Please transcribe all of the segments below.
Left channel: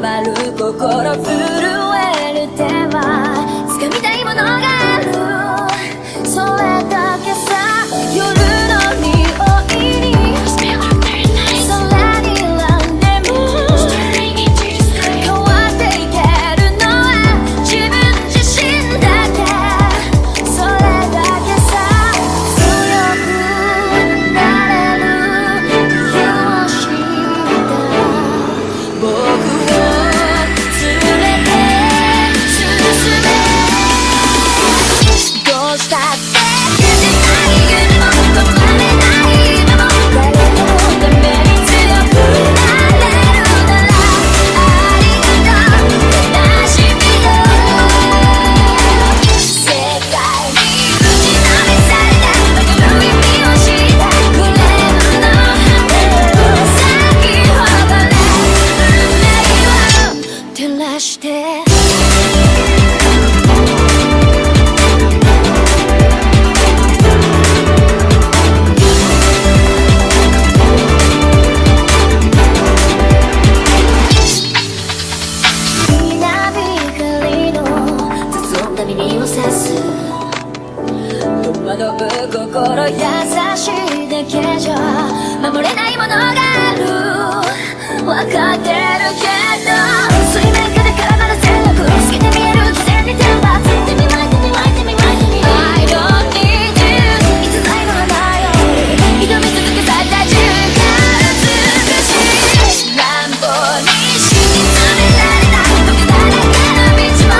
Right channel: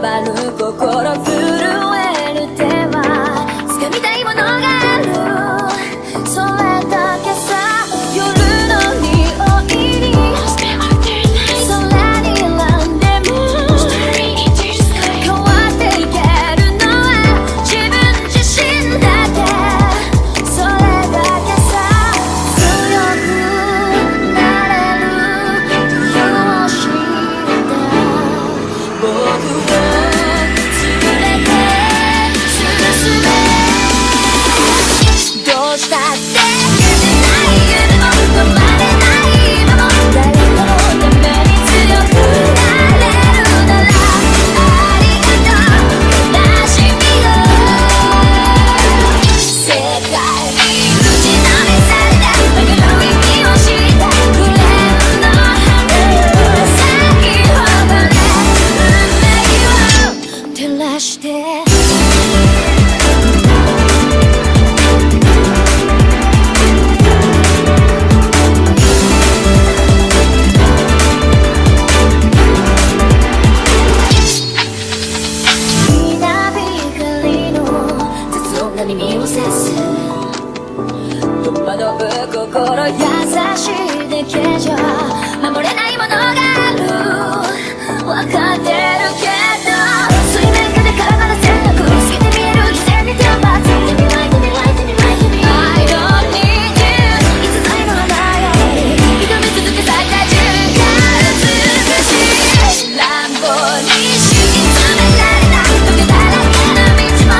回る心震える手は掴みたいものがある、それだけさ。夜の匂いに空に選んでも変わっていけるのは自分自身だけ、それだけさ。強くなれる理由を知った僕を連れて進め、どうしたって消せない夢も止まれない今も、誰かのために強くなれるならありがとう悲しみよ。世界に打ちのめされた曲がる意味を知ったグレーの花を咲き誇れ運命を照らして。耳を刺す戸惑う心優しいだけじゃ守れないものがある、分かってるけど水面下で絡まる戦略透けて見える偽善に天罰 I don't need you いつぞやの花より挑み続け咲いた自由が美しい乱暴に敷き詰められた時だらけの道も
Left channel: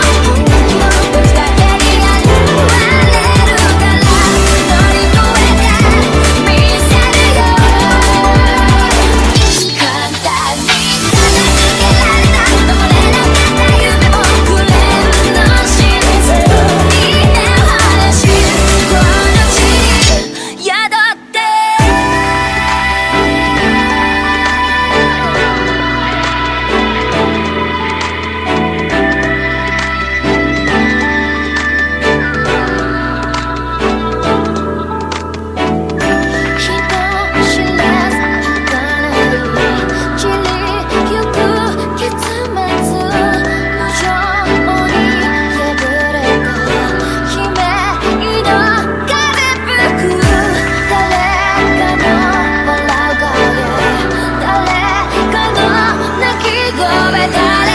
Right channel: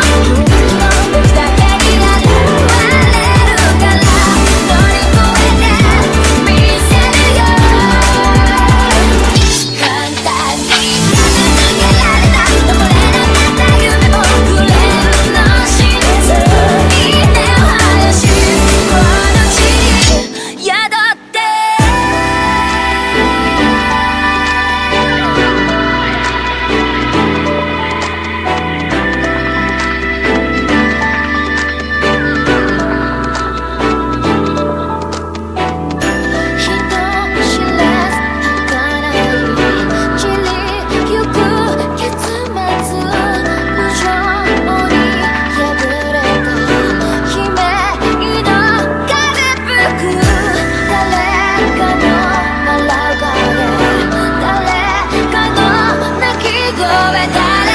誰かの泣き声だ